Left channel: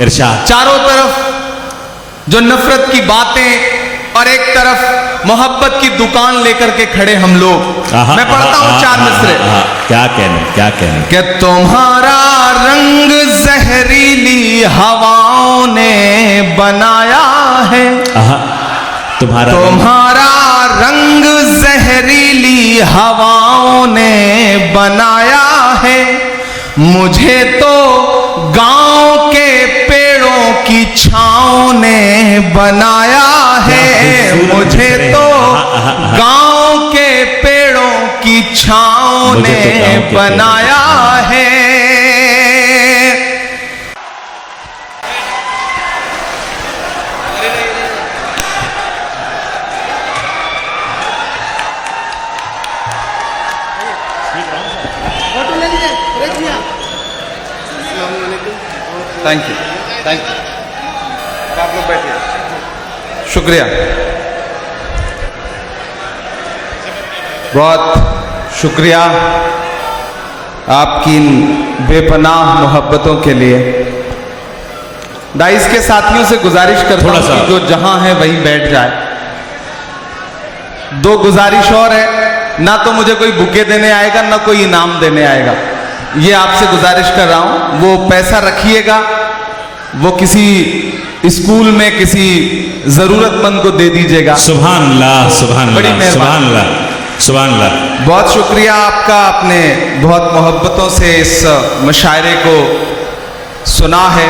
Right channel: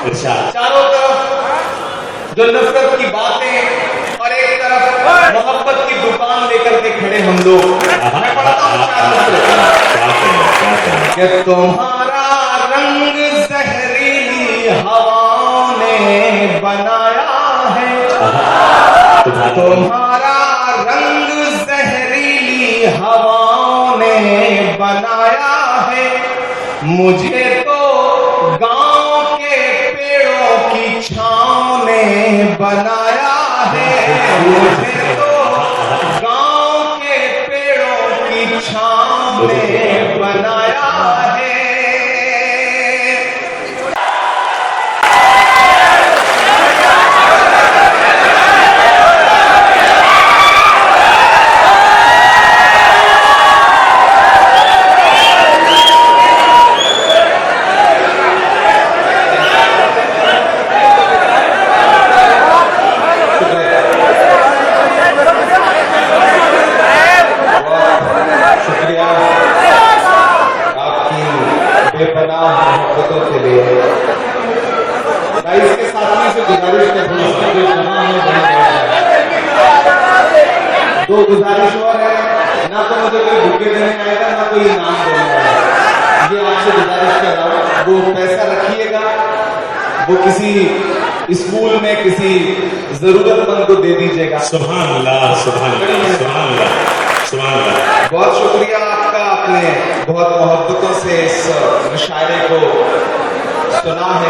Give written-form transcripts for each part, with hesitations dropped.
इरशाद। चारों तरफ जो नफरत की बातें और एक तरफ मोहब्बत की दुकान लेकर के खड़े हम लोग। मैं पढ़ता हूँ 4 मिसरे। क्या कहना कि तुम्हारा रंग जहरीली हवाओं ने बनाया है, तुम्हारा रंग जहरीली हवाओं ने बनाया है, मुझे तो गांव के पेड़ों की छांव ने बनाया है, मुझे तो गांव के पेड़ों की छांव ने बनाया है। शुक्रिया, बहुत शुक्रिया आपकी इन बेपनाह मोहब्बतों के लिए। दाइस के साथियों से गुजारिश करता हूं कि जो जहां है वहीं बैठ जाए। 2 गुजारिश और है, ना तो मुझे कोई बुके देने आएगा ना कोई इनाम देने आएगा, ये आपसे गुजारिश कर रहा हूं। वो पैसा रखिएगा, वो किसी स्कूल में किसी जरूरतमंद को दे दीजिएगा। सुभान अल्लाह, सुभान अल्लाह, सुभान अल्लाह, सुभान अल्लाह। बहुत शुक्रिया आपका, आपने बहुत मोहब्बतों से इस मुशायरे को सुना है।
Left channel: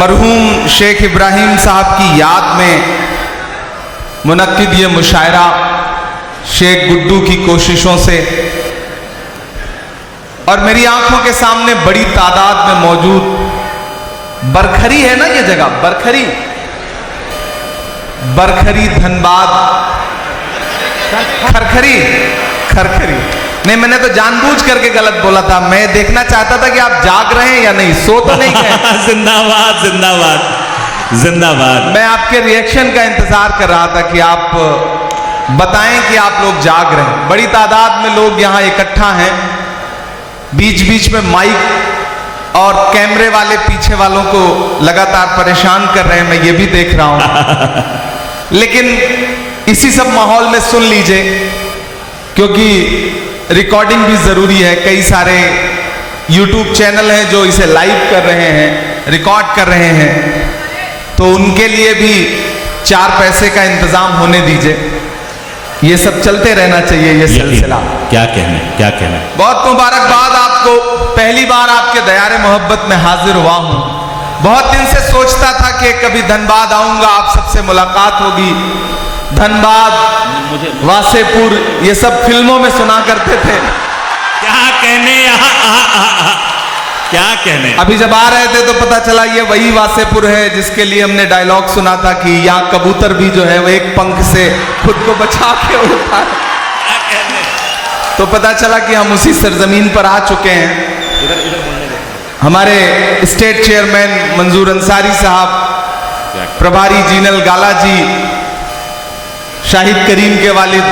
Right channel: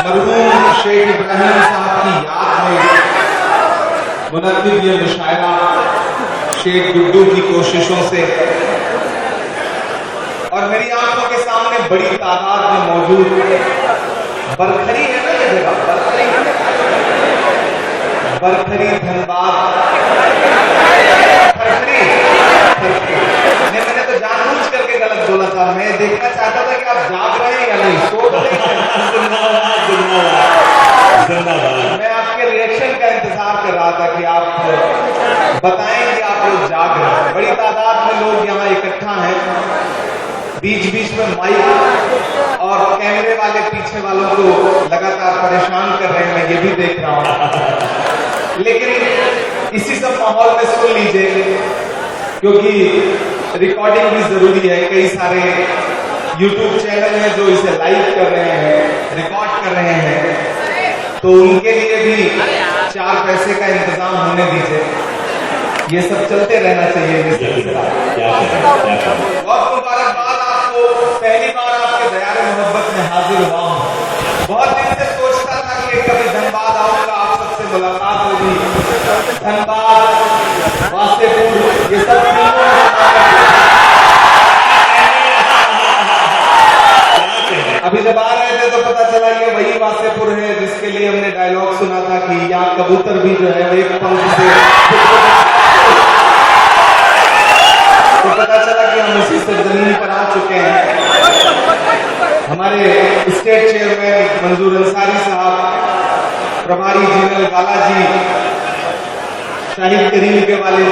मरहूम शेख इब्राहिम साहब की याद में मुनक्किद ये मुशायरा शेख गुड्डू की कोशिशों से, और मेरी आंखों के सामने बड़ी तादाद में मौजूद बरखरी है ना, ये जगह बरखरी, बरखरी धनबाद, खरखरी, खरखरी नहीं, मैंने तो जानबूझ करके गलत बोला था। मैं देखना चाहता था कि आप जाग रहे हैं या नहीं, सो तो नहीं गए। जिंदाबाद, जिंदाबाद, जिंदाबाद। मैं आपके रिएक्शन का इंतजार कर रहा था कि आप बताएं कि आप लोग जाग रहे हैं। बड़ी तादाद में लोग यहाँ इकट्ठा हैं, बीच बीच में माइक और कैमरे वाले पीछे वालों को लगातार परेशान कर रहे हैं, मैं ये भी देख रहा हूं। लेकिन इसी सब माहौल में सुन लीजिए, क्योंकि रिकॉर्डिंग भी जरूरी है। कई सारे YouTube चैनल हैं जो इसे लाइव कर रहे हैं, रिकॉर्ड कर रहे हैं, तो उनके लिए भी 4 पैसे का इंतजाम होने दीजिए। ये सब चलते रहना चाहिए, ये सिलसिला। क्या कहना, क्या कहना। बहुत मुबारकबाद आपको, पहली बार आपके दयारे मोहब्बत में हाजिर हुआ हूँ। बहुत दिन से सोचता था कि कभी धनबाद आऊंगा, आप सबसे मुलाकात होगी। धनबाद, वासेपुर, ये सब फिल्मों में सुना करते थे। क्या कहने, क्या कहने। अभी जब आ रहे थे तो पता चला ये वही वासेपुर है जिसके लिए हमने डायलॉग सुना था कि यहाँ कबूतर भी जो है वो एक पंख से खुद को बचा के उड़ता। तो पता चला कि हम उसी सरजमीन पर आ चुके हैं। हमारे स्टेट चेयरमैन मंजूर अंसारी साहब, प्रभारी जीनल गाला जी, शाहिद करीम के वालिद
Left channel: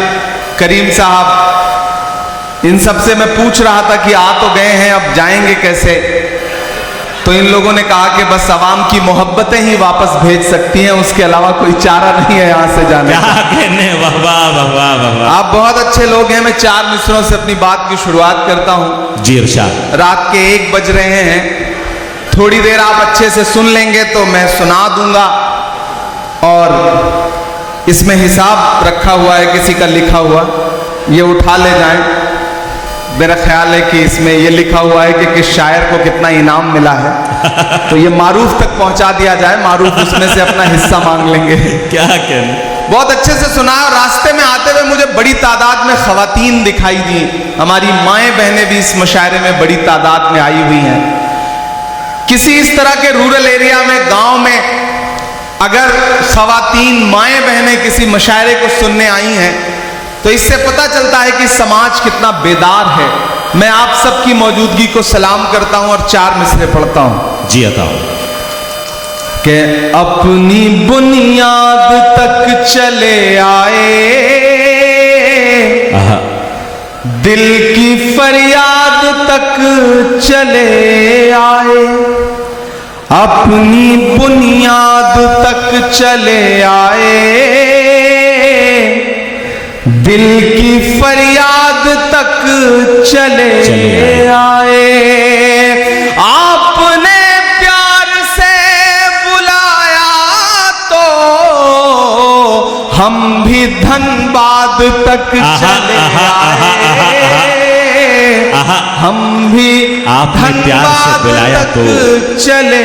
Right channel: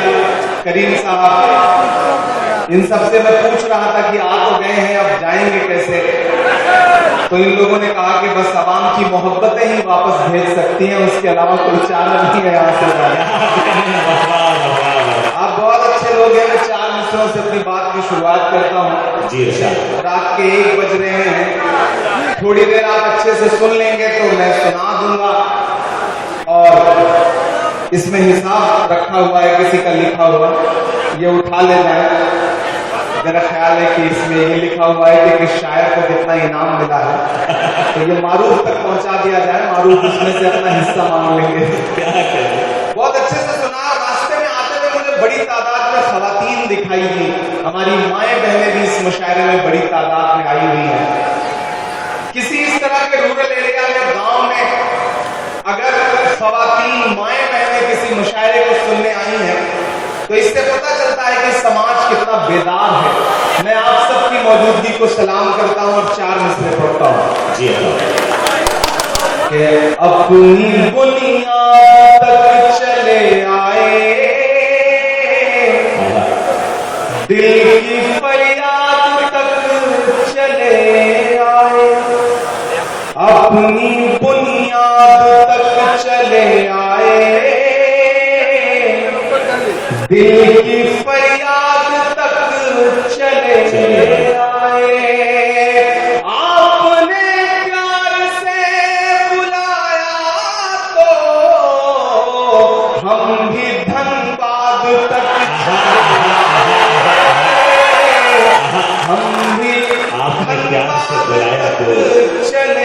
करीम साहब, इन सब से मैं पूछ रहा था कि आ तो गए हैं, अब जाएंगे कैसे। तो इन लोगों ने कहा कि बस आवाम की मोहब्बतें ही वापस भेज सकती हैं, उसके अलावा कोई चारा नहीं है यहाँ से जाने। आप बहुत अच्छे लोग हैं। मैं 4 मिसरों से अपनी बात की शुरुआत करता हूँ। जी इरशाद। रात के 1 बज रहे हैं, थोड़ी देर आप अच्छे से सुन लेंगे तो मैं सुना दूंगा, और इसमें हिसाब रखा हुआ है किसी का लिखा हुआ, ये उठा ले जाएं। मेरा ख्याल है कि इसमें ये लिखा हुआ है कि किस शायर को कितना इनाम मिला है, तो ये मारूफ तक पहुंचा दिया जाए, मारूफ उसमें से अपना हिस्सा मांग लेंगे। क्या कहना। बहुत अच्छे से सुना। और रास्ते में आते हुए मुझे बड़ी तादाद में खवातीन दिखाई दी। हमारी माएँ बहनें भी इस मुशायरे में बड़ी तादाद में आई हुई हैं। किसी इस तरह के रूरल एरिया में, गांव में अगर खवातीन माएँ बहनें किसी मुशायरे को सुनने आई हैं तो इससे पता चलता है कि समाज कितना बेदार है। मैं आप सबकी मौजूदगी को सलाम करता हूं और 4 मिसरे पढ़ता हूं। जी अता। कि अपनी बुनियाद तक चले आए, दिल की फरियाद तक चले आए, अपनी बुनियाद तक चले आए, दिल की फरियाद तक चले आए। आपने प्यार से बुलाया तो हम भी धनबाद तक चले आए। हम भी धनबाद तक चले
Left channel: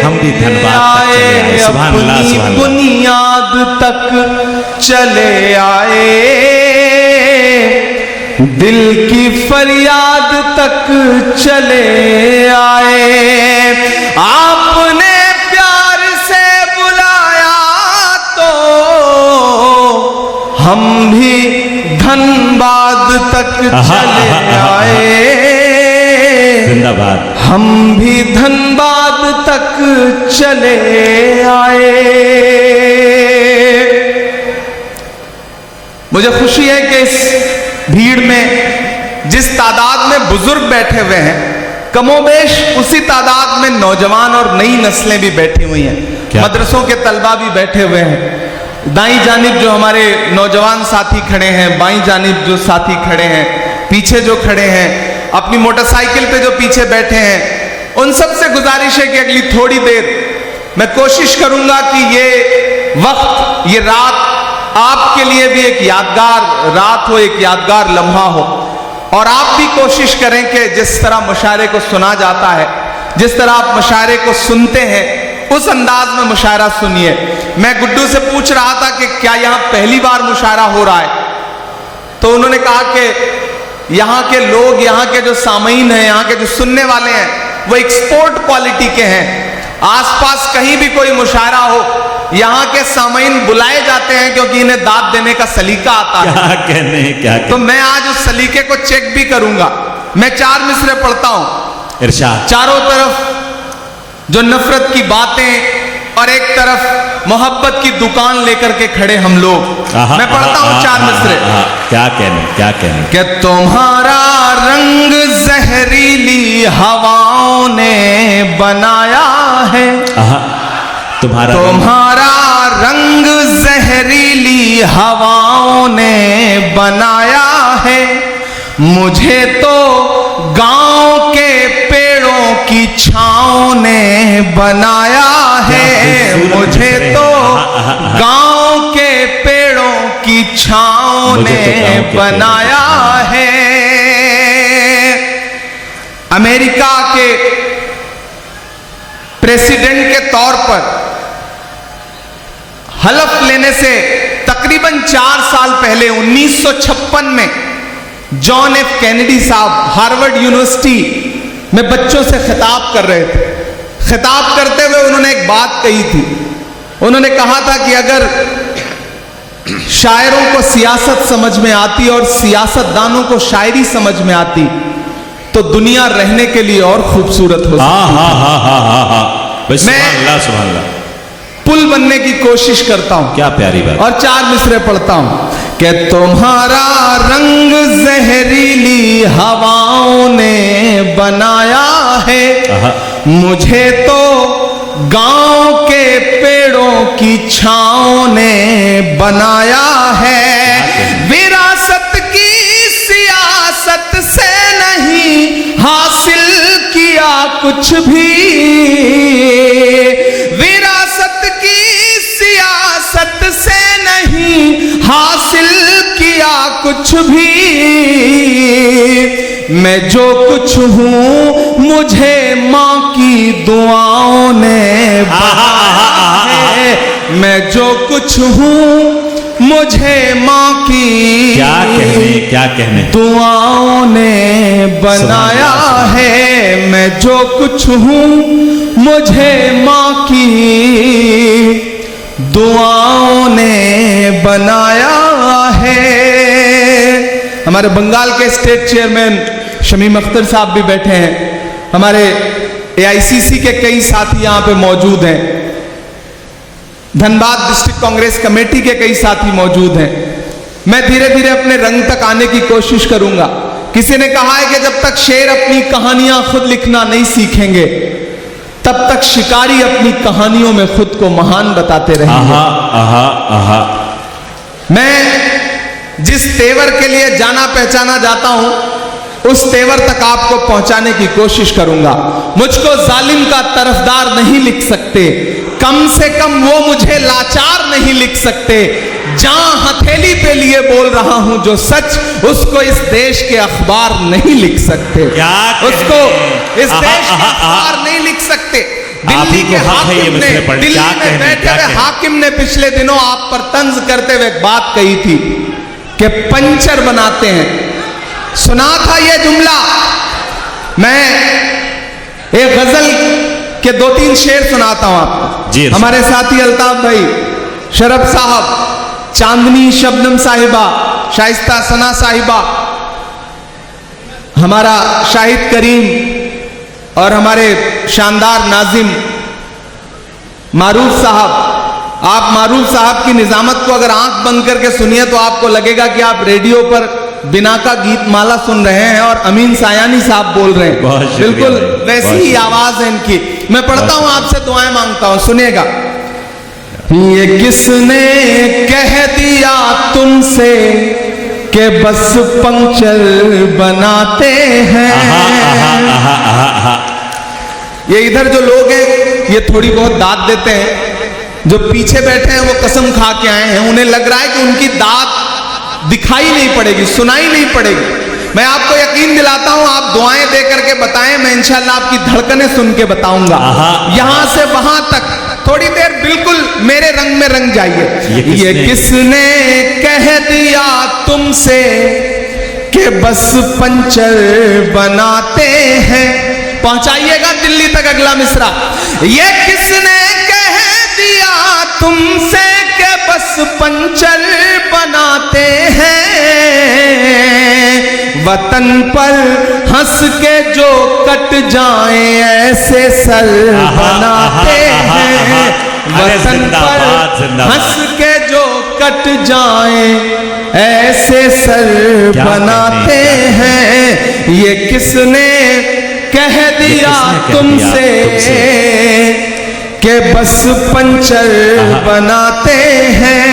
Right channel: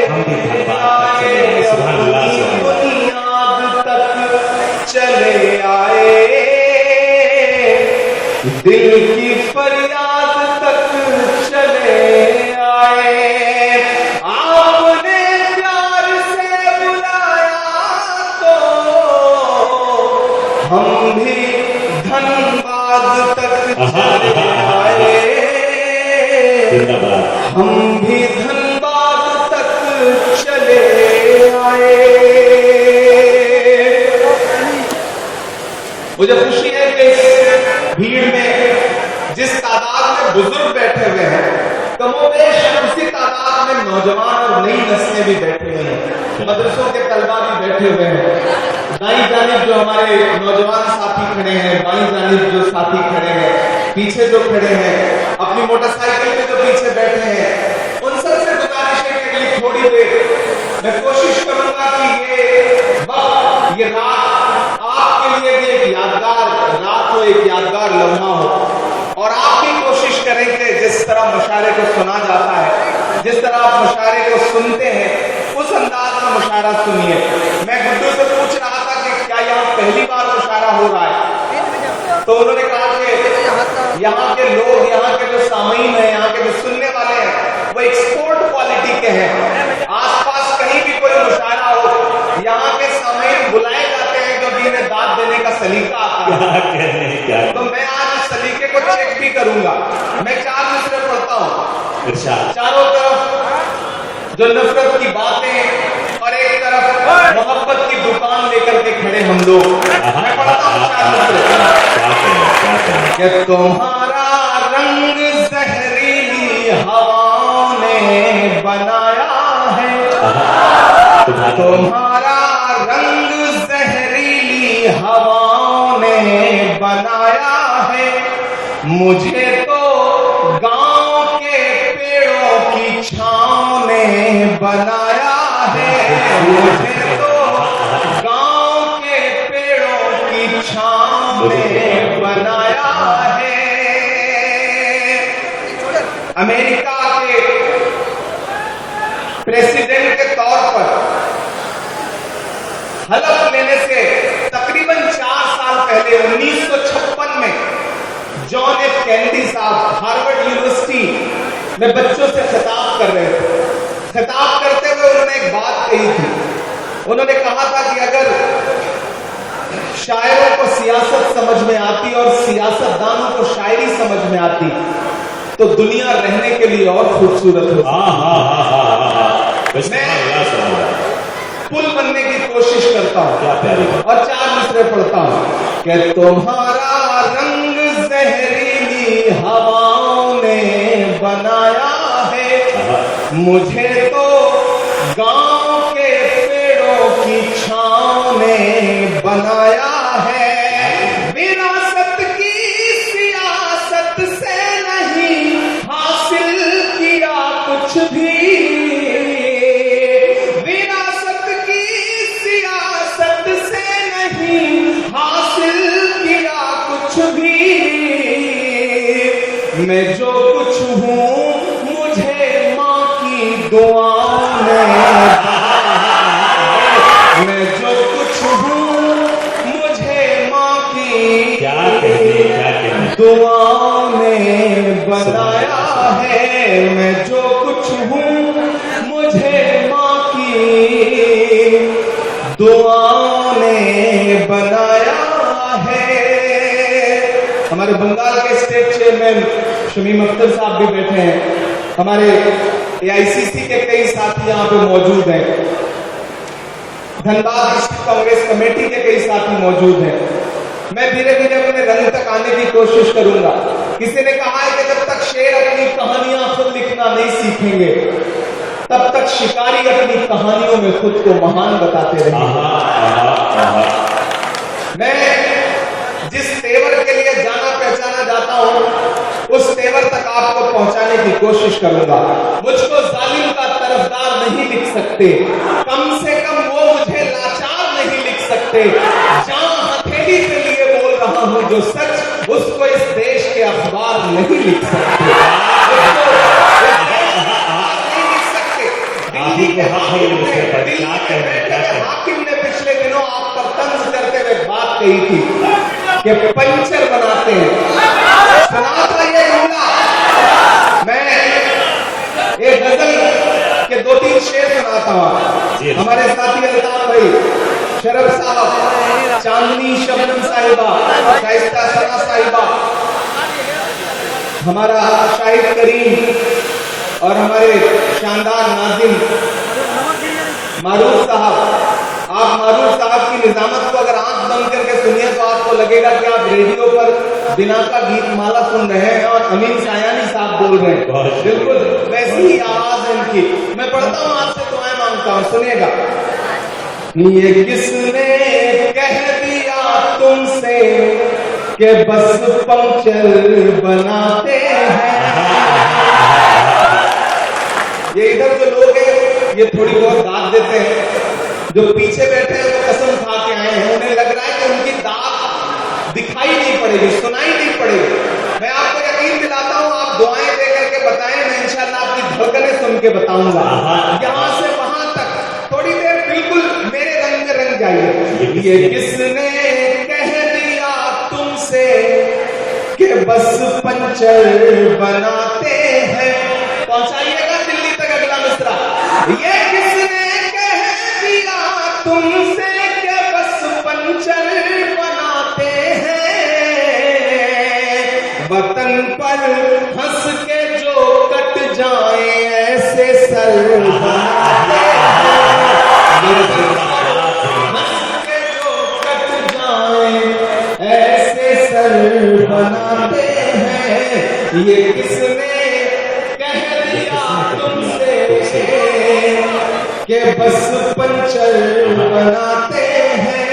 आए, अपनी बुनियाद तक चले आए, दिल की फरियाद तक चले आए। आपने प्यार से बुलाया तो हम भी धनबाद तक चले आए, हम भी धनबाद तक चले आए। मुझे खुशी है कि इस भीड़ में जिस तादाद में बुजुर्ग बैठे हुए हैं, कमोबेश उसी तादाद में नौजवान और नई नस्लें भी बैठी हुई हैं। मदरसों के तलबा भी बैठे हुए हैं। दाईं जानिब जो हमारे नौजवान साथी खड़े हैं, बाईं जानिब जो साथी खड़े हैं, पीछे जो खड़े हैं, अपनी मोटरसाइकिल पे जो पीछे बैठे हैं, उन सब से गुजारिश है कि अगली थोड़ी देर मैं कोशिश करूंगा कि ये वक्त, ये रात आपके लिए भी एक यादगार रात हो, एक यादगार लम्हा हो। और आप भी कोशिश करें कि जिस तरह मुशायरे को सुना जाता है, जिस तरह आप मुशायरे को सुनते हैं, उस अंदाज में मुशायरा सुनिए। मैं गुड्डू से पूछ रहा था कि क्या यहाँ पहली बार मुशायरा हो रहा है, तो उन्होंने कहा कि यहाँ के लोग, यहाँ के जो सामीन हैं, यहाँ के जो सुनने वाले हैं, वो एक्सपोर्ट क्वालिटी के हैं। आसपास कहीं भी कोई मुशायरा हो, यहाँ के सामीन बुलाए जाते हैं क्योंकि इन्हें दाद देने का सलीका आता है। क्या तो मैं आज उस सलीके को चेक भी करूंगा। मैं 4 मिसरे पढ़ता हूं, चारों तरफ जो नफरत की बातें और एक तरफ मोहब्बत की दुकान लेकर के खड़े हम लोग। मैं पढ़ता हूं 4 मिसरे। क्या कहने कि तुम्हारा रंग जहरीली हवाओं ने बनाया है, तुम्हारा रंग जहरीली हवाओं ने बनाया है। मुझे तो गांव के पेड़ों की छांव ने बनाया है, मुझे तो गांव के पेड़ों की छांव ने बनाया है। अमेरिका के प्रेसिडेंट के तौर पर हलफ लेने से तकरीबन 4 साल पहले 1956 में जॉन एफ कैनेडी साहब हार्वर्ड यूनिवर्सिटी में बच्चों से खिताब कर रहे थे। खिताब करते हुए उन्होंने एक बात कही थी। उन्होंने कहा था कि अगर शायरों को सियासत समझ में आती और सियासतदानों को शायरी समझ में आती तो दुनिया रहने के लिए और खूबसूरत हो सकती। मैं पुल बनने की कोशिश करता हूं। क्या प्यारी बात। और 4 मिसरे पढ़ता हूं कि तुम्हारा रंग जहरीली हवाओं ने बनाया है, मुझे तो गांव के पेड़ों की छांव ने बनाया है। विरासत की सियासत से नहीं हासिल किया कुछ भी, कुछ भी। मैं जो कुछ हूं मुझे मां की दुआओं ने, मैं जो कुछ हूं मुझे मां की क्या कहने दुआओं ने बनाया है। मैं जो कुछ हूं मुझे मां की दुआओं ने बनाया है। हमारे बंगाल के स्टेट चेयरमैन शमीम अख्तर साहब भी बैठे हैं। हमारे AICC के कई साथी यहाँ पे मौजूद हैं। धनबाद डिस्ट्रिक्ट कांग्रेस कमेटी के कई साथी मौजूद हैं। मैं धीरे धीरे अपने रंग तक आने की कोशिश करूंगा। किसी ने कहा है कि जब तक शेर अपनी कहानियां खुद लिखना नहीं सीखेंगे तब तक शिकारी अपनी कहानियों में खुद को महान बताते रहेंगे। आहा आहा आहा। मैं जिस तेवर के लिए जाना पहचाना जाता हूं, उस तेवर तक आपको पहुंचाने की कोशिश करूंगा। मुझको जालिम का तरफदार नहीं लिख सकते, कम से कम वो मुझे लाचार नहीं लिख सकते। जहां हथेली पे लिए बोल रहा हूं जो सच, उसको इस देश के अखबार नहीं लिख सकते, उसको इस देश के अखबार नहीं लिख सकते। दिल्ली के हाकिम ने, दिल्ली में बैठे हुए हाकिम ने पिछले दिनों आप पर तंज करते हुए बात कही थी कि पंचर बनाते हैं। सुना था यह जुमला। मैं एक गजल के 2-3 शेर सुनाता हूं आपको। हमारे साथी अल्ताफ भाई, शरफ साहब, चांदनी शबनम साहिबा, शाइस्ता सना साहिबा, हमारा शाहिद करीम और हमारे शानदार नाजिम मारूफ साहब। आप मारूफ साहब की निजामत को अगर आंख बंद करके सुनिए तो आपको लगेगा कि आप रेडियो पर बिना का गीत माला सुन रहे हैं और अमीन सायानी साहब बोल रहे हैं। बिल्कुल वैसी ही आवाज है इनकी। मैं पढ़ता हूं, आपसे दुआएं मांगता हूं, सुनिएगा। ये किसने कह दिया तुमसे कि बस पंक्चर बनाते हैं। ये इधर जो लोग हैं ये थोड़ी बहुत दाद देते हैं, जो पीछे बैठे हैं वो कसम खा के आए हैं। उन्हें लग रहा है कि उनकी दाद दिखाई नहीं पड़ेगी, सुनाई नहीं पड़ेगी। मैं आपको यकीन दिलाता हूं, आप दुआएं दे करके बताएं, मैं इंशाल्लाह आपकी धड़कनें सुन के बताऊंगा। यहां से वहां तक थोड़ी देर बिल्कुल मेरे रंग में रंग जाइए। ये किसने कह दिया तुमसे कि बस पंचर बनाते हैं। पहुंचाइएगा दिल्ली तक अगला मिसरा। ये किसने कह दिया तुमसे कि बस पंचर बनाते हैं। वतन पर हंस के जो कट जाएं ऐसे सर बनाते हैं। वतन पर हंस के जो कट जाएं ऐसे सर बनाते हैं। ये किसने कह दिया तुमसे कि बस पंचर बनाते हैं।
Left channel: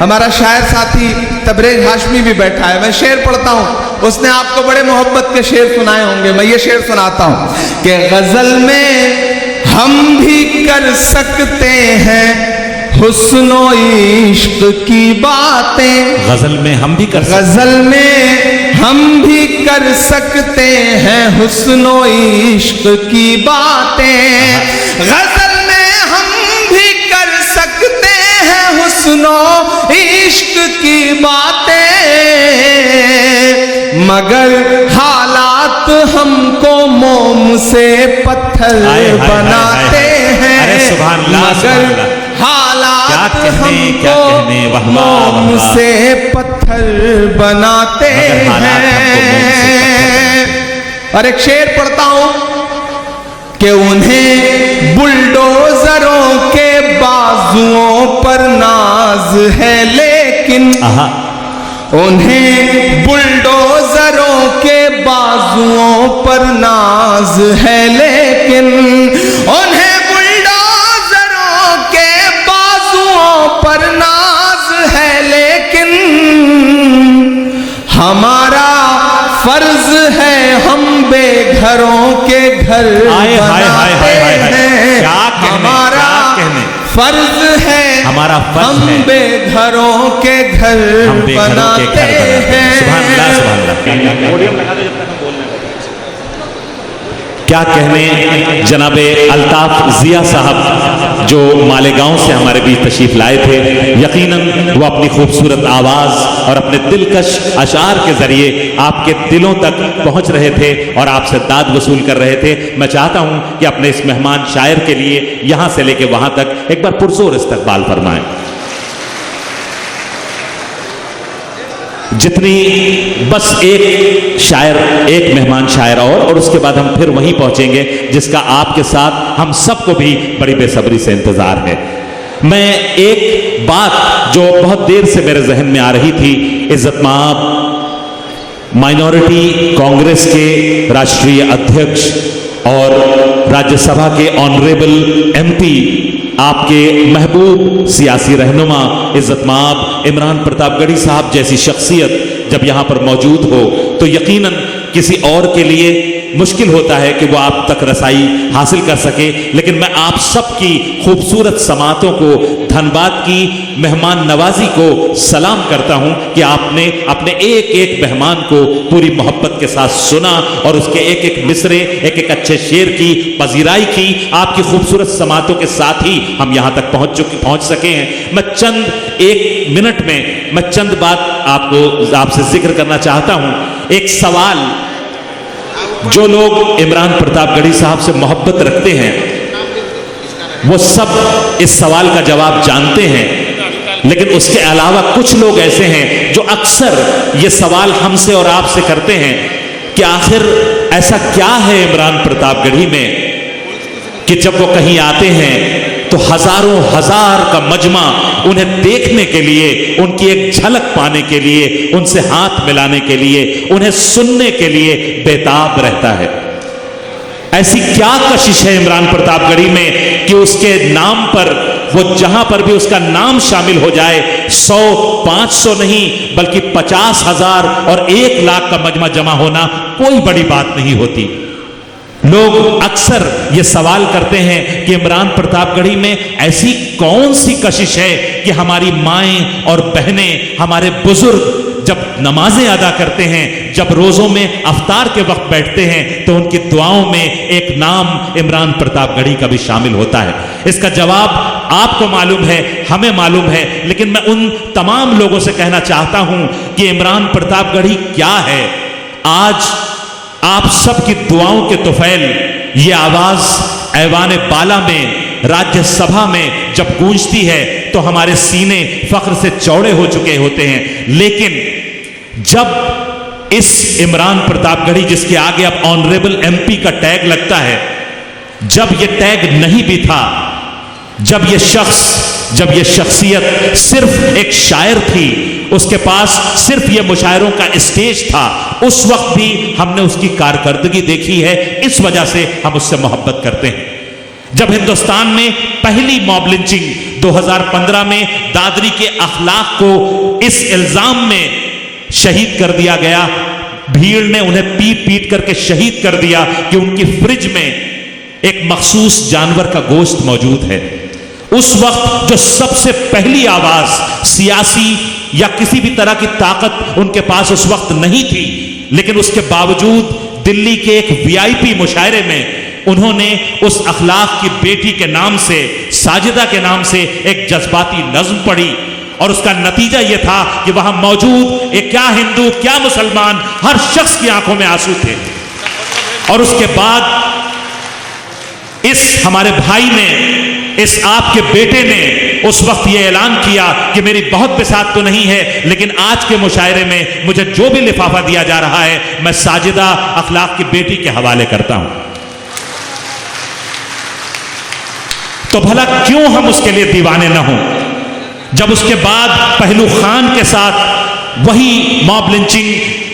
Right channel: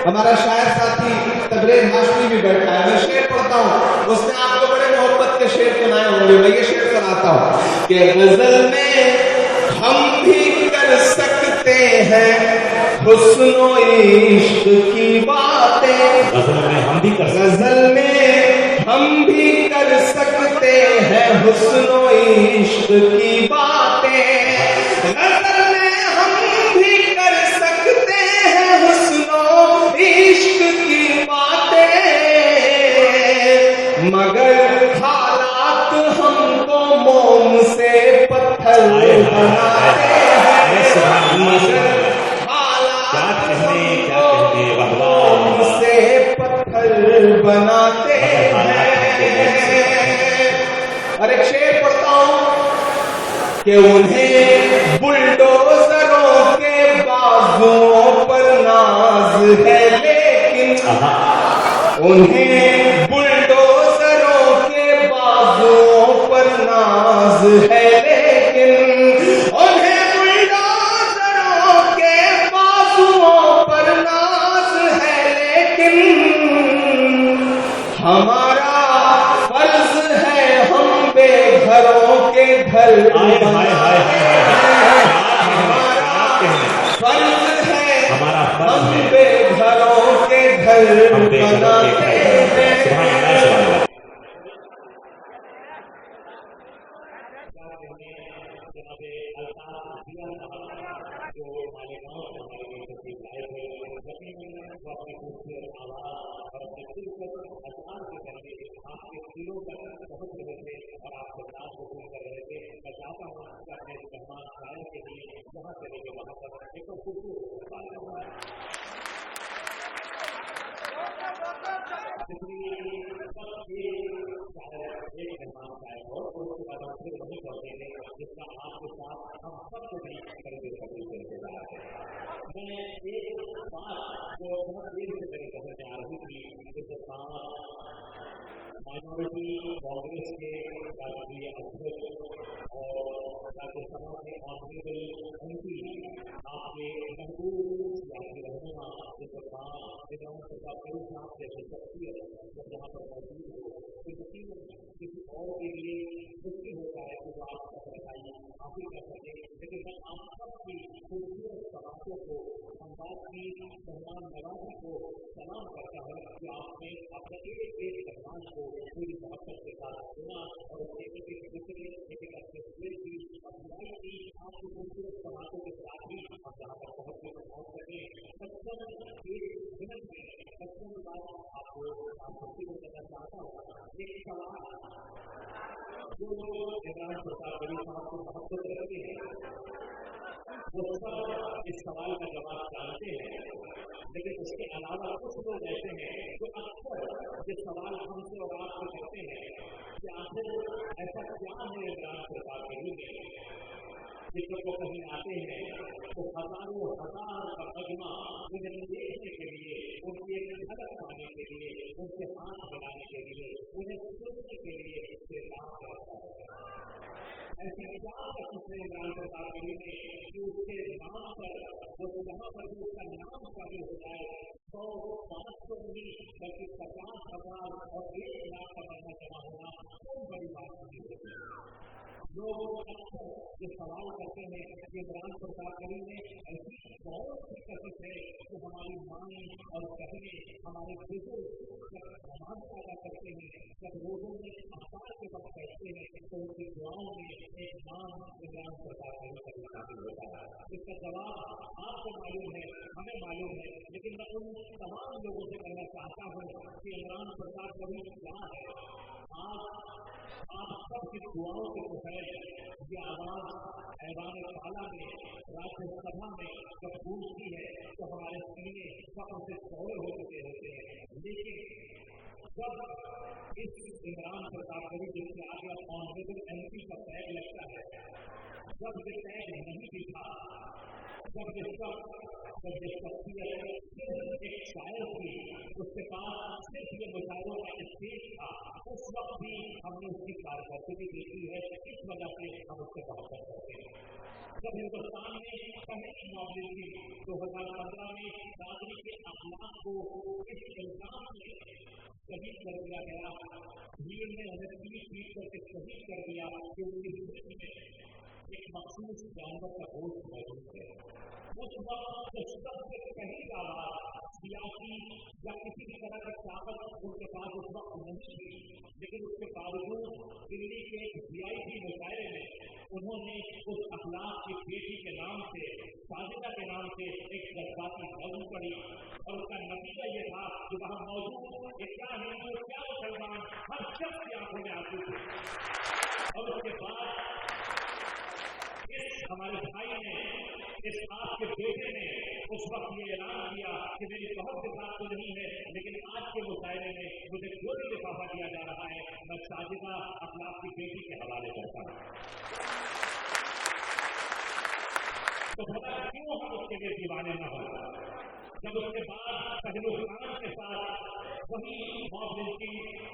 हमारा शायर साथी तबरेज हाशमी भी बैठा है, मैं शेर पढ़ता हूं। उसने आपको बड़े मोहब्बत के शेर सुनाए होंगे, मैं ये शेर सुनाता हूं कि गजल में हम भी कर सकते हैं हुस्नो इश्क की बातें। गजल में हम भी कर सकते, गजल में हम भी कर सकते हैं हुस्नो इश्क की बातें। गजल में हम भी कर सकते हैं हुस्नो इश्क की बातें, मगर हालात हमको मोम से पत्थर बनाते हैं। मगर हालात हमको मोम से पत्थर बनाते हैं। और एक शेर पढ़ता हूं कि उन्हें बुलडोजरों के बाजुओं पर नाज है, लेकिन उन्हें बुलडोजरों के बाजुओं पर नाज है, लेकिन उन्हें बुलडोजरों के बाजुओं पर नाज है, लेकिन हमारा फर्ज है हम बेघरों के घर बनाते हैं। हमारा फर्ज है हम बेघरों के घर बनाते हैं। क्या कहने जनाबे अल्ताफ जिया साहब जो मालेगांव से हमारे बीच तशरीफ लाए थे। यकीनन वो अपनी खूबसूरत आवाज़ और अपने दिलकश अशार के जरिए आपके दिलों तक पहुंच रहे थे और आपसे दाद वसूल कर रहे थे। मैं चाहता हूं कि अपने इस मेहमान शायर के लिए यहां से लेके वहां तक एक बार पुरजोर इस्तकबाल फरमाएं। जितनी बस एक शायर, एक मेहमान शायर और उसके बाद हम फिर वहीं पहुंचेंगे जिसका आपके साथ हम सबको भी बड़ी बेसब्री से इंतजार है। मैं एक बात जो बहुत देर से मेरे जहन में आ रही थी, इज्जतमाब माइनॉरिटी कांग्रेस के राष्ट्रीय अध्यक्ष और राज्यसभा के ऑनरेबल एमपी, आपके महबूब सियासी रहनुमा इज्जत माब इमरान प्रतापगढ़ी साहब जैसी शख्सियत जब यहां पर मौजूद हो तो यकीनन किसी और के लिए मुश्किल होता है कि वो आप तक रसाई हासिल कर सके। लेकिन मैं आप सबकी खूबसूरत समातों को, धनबाद की मेहमान नवाजी को सलाम करता हूं कि आपने अपने एक एक मेहमान को पूरी मोहब्बत के साथ सुना और उसके एक एक मिसरे, एक एक अच्छे शेर की पजीराई की। आपकी खूबसूरत समातों के साथ ही हम यहां तक पहुंच सके हैं। मैं चंद एक मिनट में मैं चंद बात आपसे जिक्र करना चाहता हूं। एक सवाल, जो लोग इमरान प्रतापगढ़ी साहब से मोहब्बत रखते हैं वो सब इस सवाल का जवाब जानते हैं, लेकिन उसके अलावा कुछ लोग ऐसे हैं जो अक्सर ये सवाल हमसे और आपसे करते हैं कि आखिर ऐसा क्या है इमरान प्रतापगढ़ी में कि जब वो कहीं आते हैं तो हजारों हजार का मजमा उन्हें देखने के लिए, उनकी एक झलक पाने के लिए, उनसे हाथ मिलाने के लिए, उन्हें सुनने के लिए बेताब रहता है। ऐसी क्या कशिश है इमरान प्रतापगढ़ी में कि उसके नाम पर, वो जहां पर भी उसका नाम शामिल हो जाए, 100, 500 नहीं बल्कि 50,000 और 1 लाख का मजमा जमा होना कोई बड़ी बात नहीं होती। लोग अक्सर ये सवाल करते हैं कि इमरान प्रतापगढ़ी में ऐसी कौन सी कशिश है कि हमारी माएं और बहनें, हमारे बुजुर्ग जब नमाजें अदा करते हैं, जब रोजों में अफ्तार के वक्त बैठते हैं तो उनकी दुआओं में एक नाम इमरान प्रतापगढ़ी का भी शामिल होता है। इसका जवाब आपको मालूम है, हमें मालूम है, लेकिन मैं उन तमाम लोगों से कहना चाहता हूं कि इमरान प्रतापगढ़ी क्या है। आज आप सबकी दुआओं के तुफैल ये आवाज ऐवान बाला में, राज्यसभा में जब गूंजती है तो हमारे सीने फख्र से चौड़े हो चुके होते हैं। लेकिन जब इस इमरान प्रतापगढ़ी, जिसके आगे अब ऑनरेबल एमपी का टैग लगता है, जब ये टैग नहीं भी था, जब ये शख्सियत सिर्फ एक शायर थी, उसके पास सिर्फ ये मुशायरों का स्टेज था, उस वक्त भी हमने उसकी कारकर्दगी देखी है। इस वजह से हम उससे मोहब्बत करते हैं। जब हिंदुस्तान में पहली मॉब लिंचिंग 2015 में दादरी के अखलाक को इस इल्जाम में शहीद कर दिया गया, भीड़ ने उन्हें पीट पीट करके शहीद कर दिया कि उनकी फ्रिज में एक मखसूस जानवर का गोश्त मौजूद है। उस वक्त जो सबसे पहली आवाज, सियासी या किसी भी तरह की ताकत उनके पास उस वक्त नहीं थी, लेकिन उसके बावजूद दिल्ली के एक वीआईपी मुशायरे में उन्होंने उस अखलाक की बेटी के नाम से, साजिदा के नाम से एक जज्बाती नज्म पढ़ी और उसका नतीजा यह था कि वहां मौजूद एक क्या हिंदू क्या मुसलमान, हर शख्स की आंखों में आंसू थे। और उसके बाद इस हमारे भाई ने, इस आपके बेटे ने उस वक्त यह ऐलान किया कि मेरी बहुत बिसात तो नहीं है, लेकिन आज के मुशायरे में मुझे जो भी लिफाफा दिया जा रहा है मैं साजिदा अखलाक की बेटी के हवाले करता हूं। तो भला क्यों हम उसके लिए दीवाने न हों, जब उसके बाद पहलू खान के साथ वही मॉब लिंचिंग,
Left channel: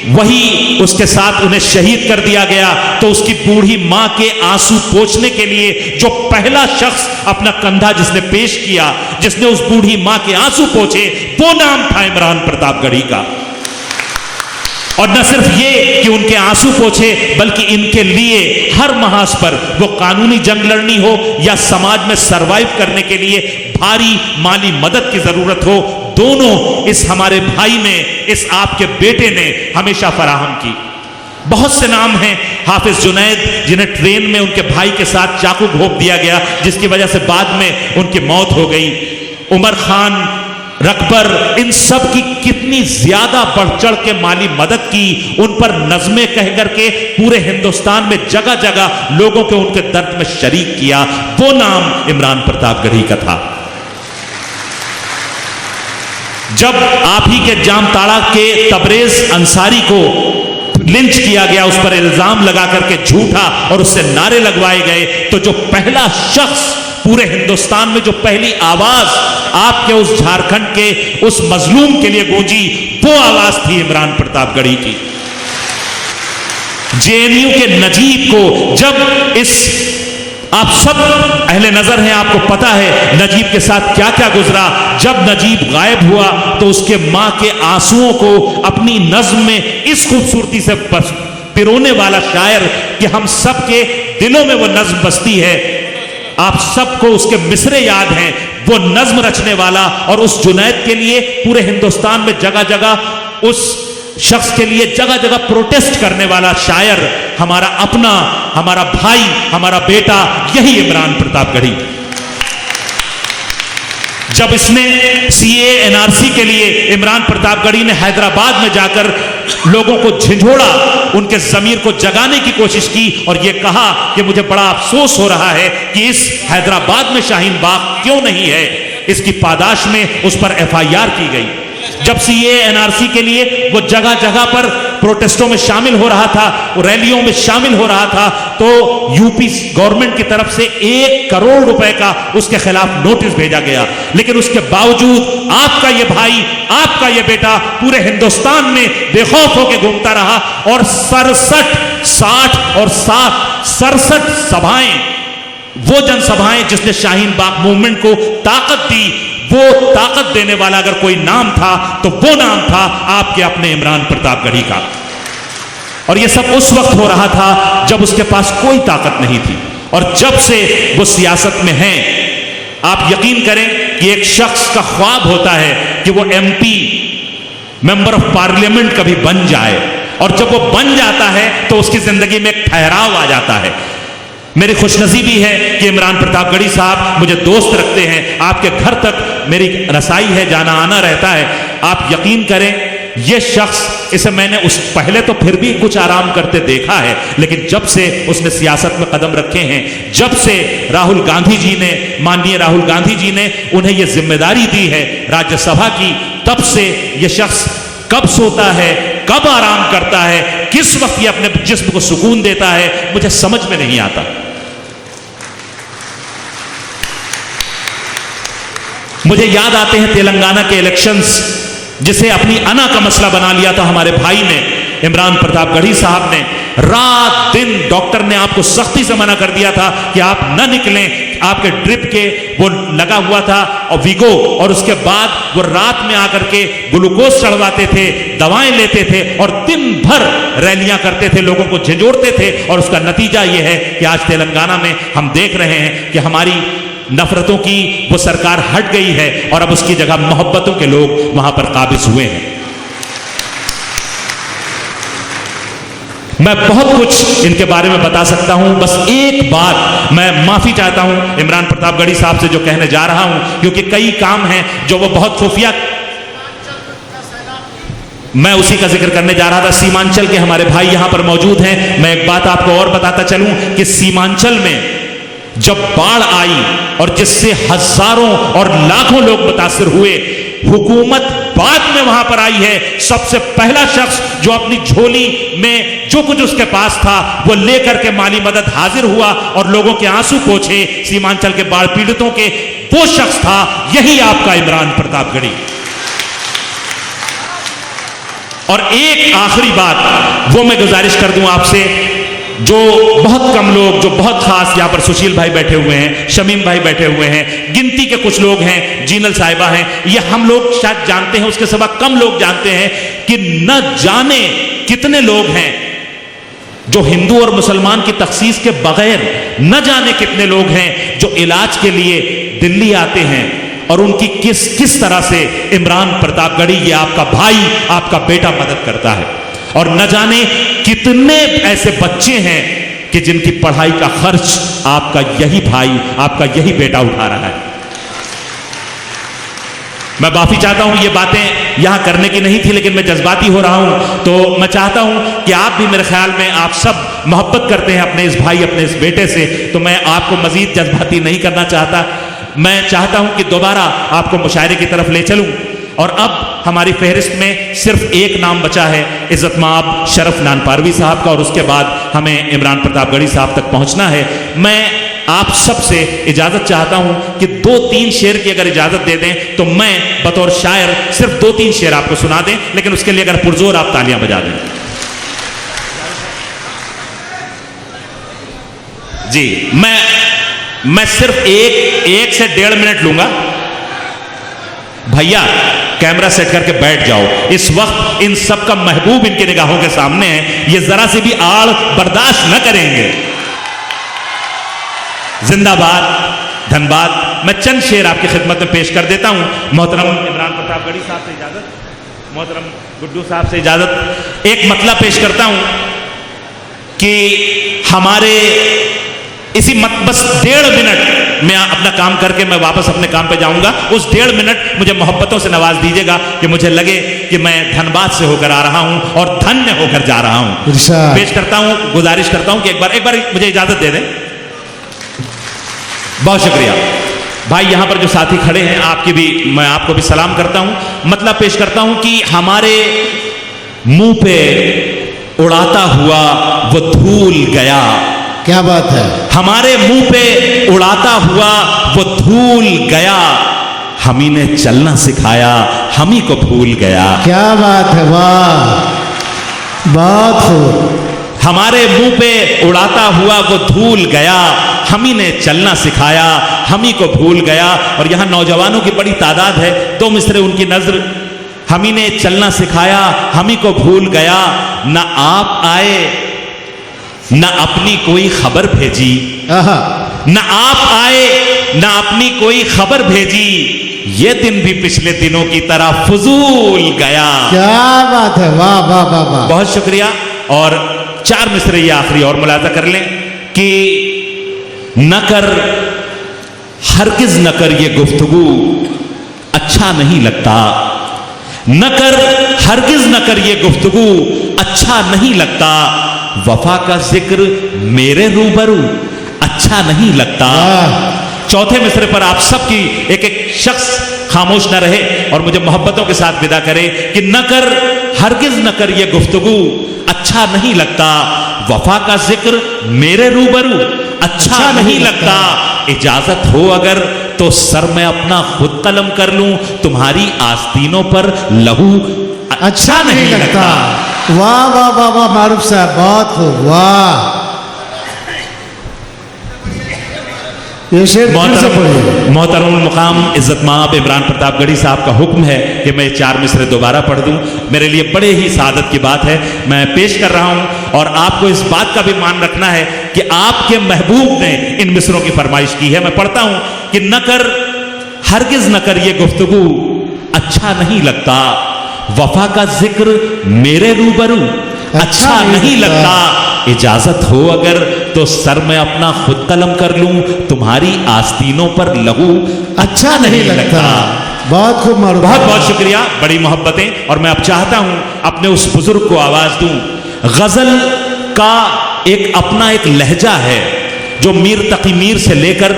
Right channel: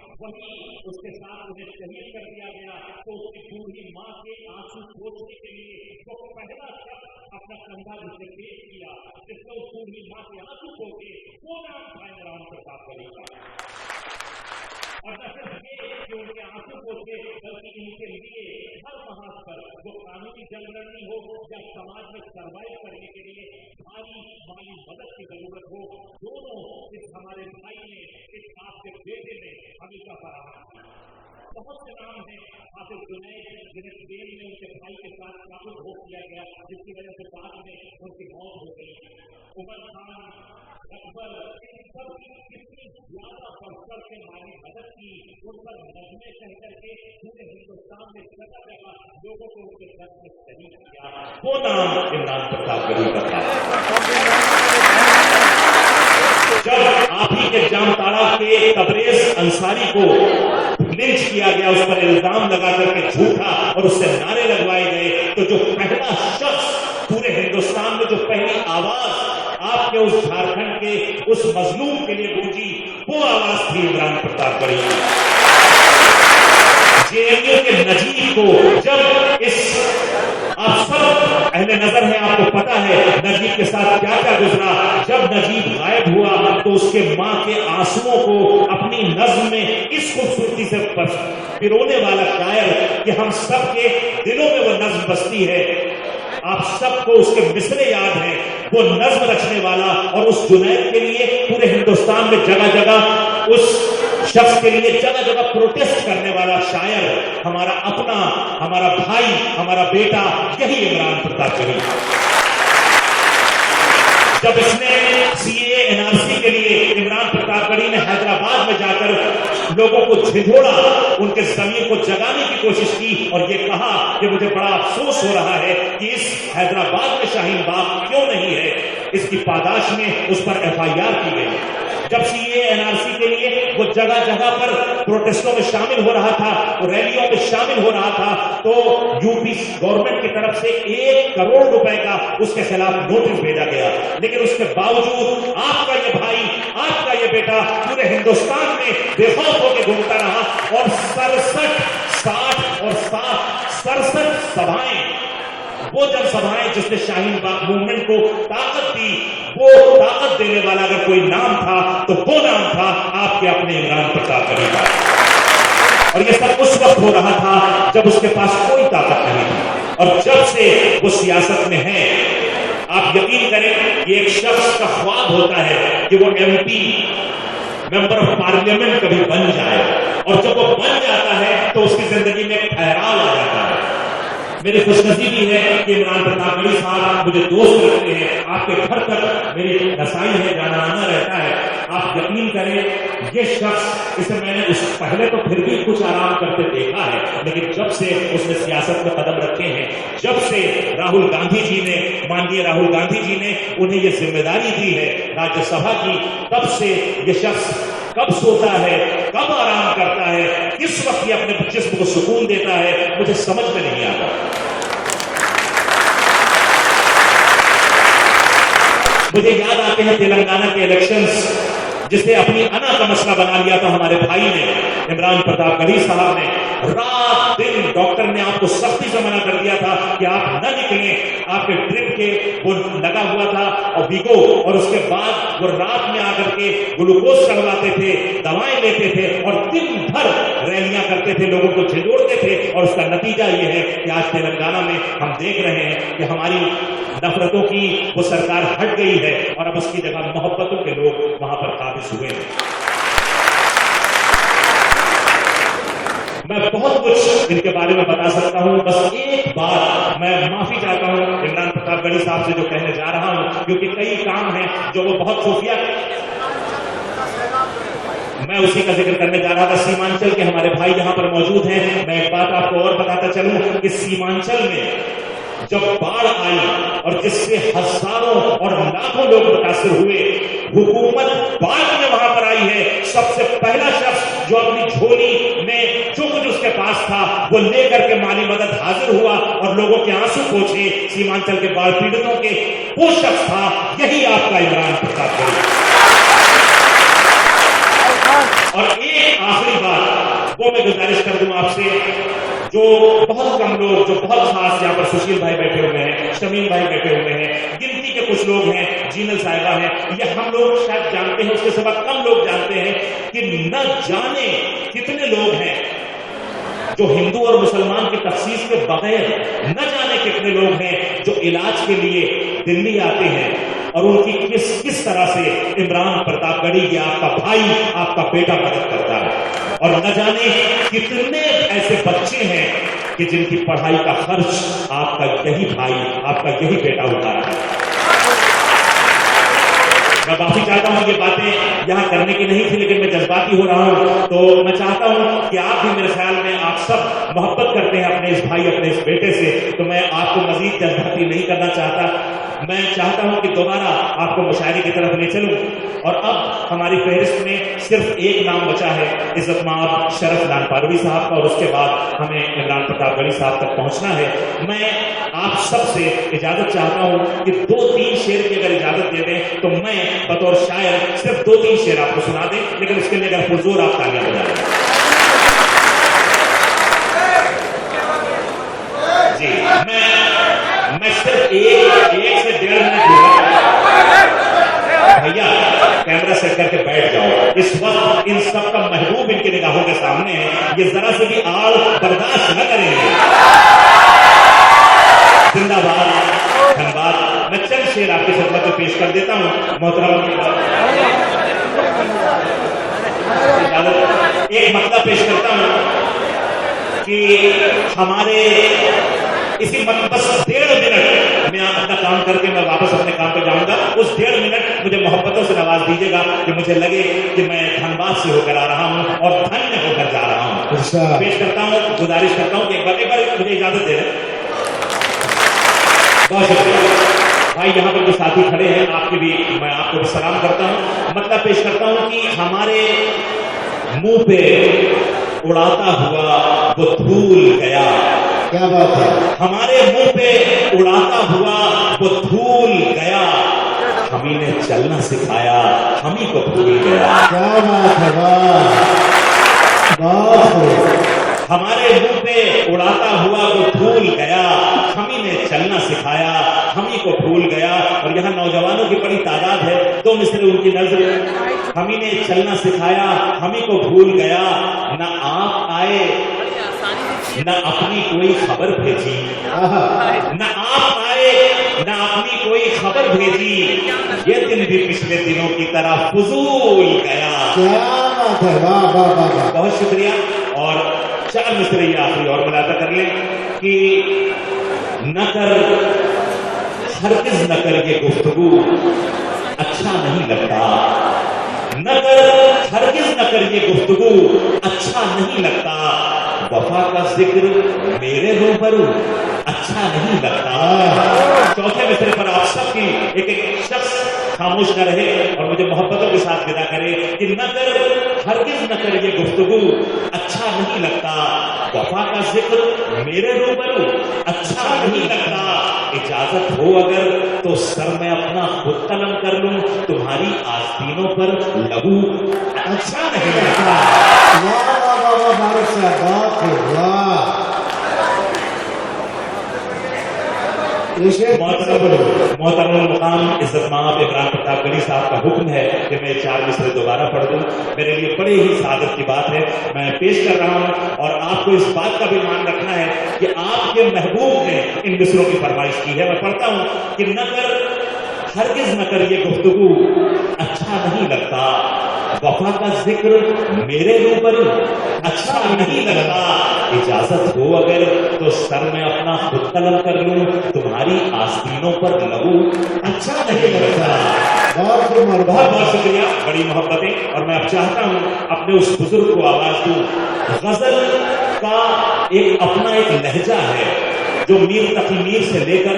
वही उसके साथ उन्हें शहीद कर दिया गया, तो उसकी बूढ़ी मां के आंसू पोंछने के लिए जो पहला शख्स अपना कंधा जिसने पेश किया, जिसने उस बूढ़ी मां के आंसू पोंछे, वो नाम था इमरान प्रतापगढ़ी का। और न सिर्फ ये कि उनके आंसू पोंछे, बल्कि इनके लिए हर महाज पर, वो कानूनी जंग लड़नी हो या समाज में सरवाइव करने के लिए भारी माली मदद की जरूरत हो, दोनों इस हमारे भाई ने, इस आपके बेटे ने हमेशा फराहम की। बहुत से नाम हैं, हाफिज जुनैद जिन्हें ट्रेन में उनके भाई के साथ चाकू घोंप दिया गया, जिसकी वजह से बाद में उनकी मौत हो गई, उमर खान, रकबर, इन सब की कितनी ज्यादा बढ़ चढ़ के माली मदद की, उन पर नज़में कह करके पूरे हिंदुस्तान में जगह जगह लोगों के उनके दर्द में शरीक किया, वो नाम इमरान प्रतापगढ़ी का था। जब आप ही के जामताड़ा के तबरेज अंसारी को लिंच किया गया, उस पर इल्जाम लगा करके झूठा, और उससे नारे लगवाए गए, तो जो पहला शख्स पूरे हिंदुस्तान में, जो पहली आवाज आपके उस झारखंड के उस मजलूम के लिए गूंजी, वो आवाज थी इमरान प्रतापगढ़ी की। जेएनयू के नजीब को जब इस, आप सब अहले नजर हैं, आपको पता है नजीब के साथ क्या क्या गुजरा। जब नजीब गायब हुआ तो उसके मां के आंसुओं को अपनी नज्म में इस खूबसूरती से पिरोने वाला शायर कि हम सब के दिलों में वो नज्म बसती है। आप सबको उसके मिसरे याद हैं, वो नज्म रचने वाला और उस जुनैद के लिए पूरे हिंदुस्तान में जगह जगह उस शख्स के लिए जगह जगह प्रोटेस्ट करने वाला शायर, हमारा अपना, हमारा भाई, हमारा बेटा, यही इमरान प्रतापगढ़ी। जब इसने सीए एनआरसी के लिए इमरान प्रतापगढ़ी ने हैदराबाद में जाकर लोगों को झिझोड़ा, उनके जमीर को जगाने की कोशिश की और यह कहा कि मुझे बड़ा अफसोस हो रहा है कि इस हैदराबाद में शाहीन बाग क्यों नहीं है, इसकी पादाश में उस पर एफआईआर की गई। जब सीए एनआरसी के लिए वो जगह जगह पर प्रोटेस्टों में शामिल हो रहा था, रैलियों में शामिल हो रहा था, तो यूपी गवर्नमेंट की तरफ से 1 करोड़ रुपए का उसके खिलाफ नोटिस भेजा गया। लेकिन उसके बावजूद आपका ये भाई, आपका ये बेटा पूरे हिंदुस्तान में बेखौफ होकर घूमता रहा और 67 सभाएं, वो जनसभाएं जिसने शाहीन बाग मूवमेंट को ताकत दी, वो ताकत देने वाला अगर कोई नाम था तो वो नाम था आपके अपने इमरान प्रतापगढ़ी का। और ये सब उस वक्त हो रहा था जब उसके पास कोई ताकत नहीं थी। और जब से वो सियासत में हैं, आप यकीन करें कि एक शख्स का ख्वाब होता है कि वो एमपी, मेंबर ऑफ पार्लियामेंट कभी बन जाए, और जब वो बन जाता है तो उसकी जिंदगी में एक ठहराव आ जाता है। मेरी खुशनसीबी है कि इमरान प्रतापगढ़ी साहब मुझे दोस्त रखते हैं, आपके घर तक मेरी रसाई है, जाना आना रहता है। आप यकीन करें ये शख्स, इसे मैंने उस पहले तो फिर भी कुछ आराम करते देखा है, लेकिन जब से उसने सियासत में कदम रखे हैं, जब से राहुल गांधी जी ने, माननीय राहुल गांधी जी ने उन्हें यह जिम्मेदारी दी है राज्यसभा की, तब से ये शख्स कब सोता है, कब आराम करता है, किस वक्त ये अपने जिस्म को सुकून देता है, मुझे समझ में नहीं आता। मुझे याद आते हैं तेलंगाना के इलेक्शंस, जिसे अपनी अना का मसला बना लिया था हमारे भाई ने, इमरान प्रतापगढ़ी साहब ने। रात दिन डॉक्टर ने आपको सख्ती से मना कर दिया था कि आप न निकलें, आपके ड्रिप के वो लगा हुआ था और वीगो, और उसके बाद वो रात में आकर के ग्लूकोज चढ़वाते थे, दवाएं लेते थे और दिन भर रैलियां करते थे, लोगों को झिझोड़ते थे। और उसका नतीजा ये है कि आज तेलंगाना में हम देख रहे हैं कि हमारी नफरतों की वो सरकार हट गई है और अब उसकी जगह मोहब्बतों के लोग वहां पर काबिज हुए हैं। मैं बहुत कुछ इनके बारे में बता सकता हूं, बस एक बात मैं माफी चाहता हूं इमरान प्रतापगढ़ी साहब से जो कहने जा रहा हूं, क्योंकि कई काम हैं जो वो बहुत खुफिया, मैं उसी का जिक्र करने जा रहा था। सीमांचल के हमारे भाई यहां पर मौजूद हैं। मैं एक बात आपको और बताता चलूं कि सीमांचल में जब बाढ़ आई और जिससे हजारों और लाखों लोग मुतासिर हुए, हुकूमत बाद में वहां पर आई है। सबसे पहला शख्स जो अपनी झोली में जो कुछ उसके पास था वो लेकर के माली मदद हाजिर हुआ और लोगों के आंसू पोंछे सीमांचल के बाढ़ पीड़ितों के, वो शख्स था यही आपका इमरान प्रतापगढ़ी। और एक आखिरी बात वो मैं गुजारिश कर दूं आपसे, जो बहुत कम लोग, जो बहुत खास, यहाँ पर सुशील भाई बैठे हुए हैं, शमीम भाई बैठे हुए हैं, गिनती के कुछ लोग हैं, जीनल साहिबा हैं, ये हम लोग शायद जानते हैं, उसके सिवा कम लोग जानते हैं कि न जाने कितने लोग हैं जो हिंदू और मुसलमान की तखसीस के बगैर, न जाने कितने लोग हैं जो इलाज के लिए दिल्ली आते हैं और उनकी किस किस तरह से इमरान प्रतापगढ़ी, ये आपका भाई, आपका बेटा मदद करता है। और न जाने कितने ऐसे बच्चे हैं कि जिनकी पढ़ाई का खर्च आपका यही भाई, आपका यही बेटा उठा रहा है। मैं माफी चाहता हूं, ये बातें यहां करने की नहीं थी, लेकिन मैं जज्बाती हो रहा हूं, तो मैं चाहता हूं कि आप भी, मेरे ख्याल में आप सब मोहब्बत करते हैं अपने इस भाई, अपने इस बेटे से, तो मैं आपको मजीद जज्बाती नहीं करना चाहता। मैं चाहता हूं कि दोबारा आपको मुशायरे की तरफ ले चलूं। और अब हमारी फहरिस्त में सिर्फ एक नाम बचा है, इज्जत माब शरफ नानपारवी साहब का, और उसके बाद हमें इमरान प्रतापगढ़ी साहब तक पहुंचना है। मैं आप सबसे इजाजत चाहता हूं कि 2-3 शेर की अगर इजाजत दे दें तो मैं बतौर शायर सिर्फ 2-3 शेर आपको सुना दें, लेकिन उसके लिए अगर पुरजोर आप तालियां बजा दें। जी मैं सिर्फ एक से 1.5 मिनट लूंगा। भैया कैमरा सेट करके बैठ जाओ। इस वक्त इन सब का महबूब इनकी निगाहों के सामने है, ये जरा सी भी आड़ बर्दाश्त न करेंगे। जिंदाबाद, धन्यवाद। मैं चंद शेर आपकी खिदमत में पेश कर देता हूं। मोहतरम साहब से इजाजत, एक मतला पेश करता हूं कि हमारे इसी बस 1.5 मिनट में अपना काम करके मैं वापस अपने काम पे जाऊंगा। उस 1.5 मिनट मुझे मोहब्बतों से नवाज दीजिएगा कि मुझे लगे कि मैं धनबाद से होकर आ रहा हूं और धन्य होकर जा रहा हूं। पेश करता हूं, गुजारिश करता हूं कि एक बार मुझे इजाजत दे दें। बहुत शुक्रिया भाई। यहां पर जो साथी खड़े हैं आपकी भी, मैं आपको भी सलाम करता हूं। मतलब पेश करता हूं कि हमारे मुंह पे उड़ाता हुआ वो धूल गया। क्या बात है। हमारे मुंह पे उड़ाता हुआ वो धूल गया, हम ही ने चलना सिखाया, हम ही को भूल गया। क्या बात है, वाह, बहुत खूब। हमारे मुंह पे उड़ाता हुआ वो धूल गया, हम ही ने चलना सिखाया, हम ही को भूल गया। और यहां नौजवानों की बड़ी तादाद है, 2 मिसरे उनकी नजर। हम ही ने चलना सिखाया, हम ही को भूल गया, ना आप आए न अपनी कोई खबर भेजी, न आप आए न अपनी कोई खबर भेजी, ये दिन भी पिछले दिनों की तरह फजूल गया। क्या बात है, वाह वाह वाह वाह। बहुत शुक्रिया। और 4 मिसरे ये आखिरी और मुलाजा कर लें कि न कर, हरगिज न कर ये गुफ्तगू अच्छा नहीं लगता। न कर, हरगिज न कर ये गुफ्तगू अच्छा नहीं लगता। वफा का जिक्र मेरे रूबरू अच्छा नहीं लगता। चौथे मिसरे पर आप सबकी एक शख्स खामोश न रहे और मुझे मोहब्बतों के साथ विदा करे कि न कर, हरगिज न कर ये गुफ्तगू अच्छा नहीं लगता। वफा का जिक्र मेरे रूबरू अच्छा नहीं लगता। इजाजत हो अगर तो सर में अपना खुद कलम कर लूं, तुम्हारी आस्तीनों पर लहू अच्छा नहीं लगता। वाह वाह वाह वाह मारूफ साहब, बहुत खूब, वाह। ये शेर मोहतरम मुकाम इज्जत माब इमरान प्रताप गढ़ी साहब का हुक्म है कि मैं 4 मिसरे दोबारा पढ़ दूं। मेरे लिए बड़े ही सादत की बात है, मैं पेश कर रहा हूं। और आपको इस बात का भी मान रखना है कि आपके महबूब ने इन मिसरों की फरमाइश की है। मैं पढ़ता हूं कि न कर, हरगिज न कर ये गुफ्तगू अच्छा नहीं लगता। वफा का जिक्र मेरे रूबरू अच्छा नहीं लगता। इजाजत हो अगर तो सर में अपना खुद कलम कर लूं, तुम्हारी आस्तीनों पर लहू अच्छा नहीं लगता। बहुत खूब, बहुत बहुत शुक्रिया, बड़ी मोहब्बतें। और मैं अब चाहता हूं अपने उस बुजुर्ग को आवाज दूं। गजल का एक अपना एक लहजा है जो मीर तकी मीर से लेकर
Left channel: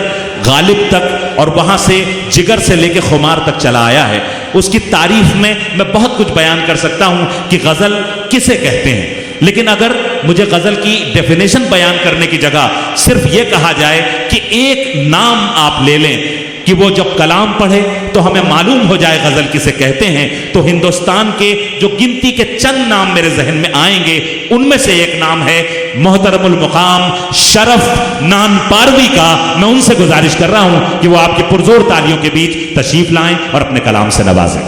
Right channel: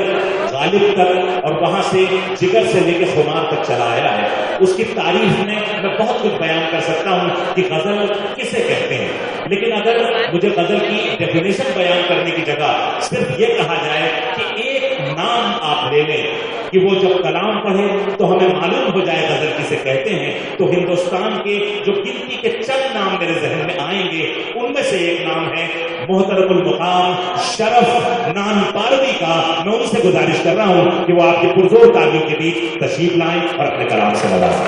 गालिब तक और वहां से जिगर से लेकर खुमार तक चला आया है। उसकी तारीफ में मैं बहुत कुछ बयान कर सकता हूं कि गजल किसे कहते हैं, लेकिन अगर मुझे गजल की डेफिनेशन बयान करने की जगह सिर्फ ये कहा जाए कि एक नाम आप ले लें कि वो जब कलाम पढ़े तो हमें मालूम हो जाए गजल किसे कहते हैं, तो हिंदुस्तान के जो गिनती के चंद नाम मेरे जहन में आएंगे उनमें से एक नाम है मोहतरमुल मुकाम शरफ नानपारवी का। मैं उनसे गुजारिश कर रहा हूं कि वो आपके पुरजोर तालियों के बीच तशरीफ लाएं और अपने कलाम से नवाजें।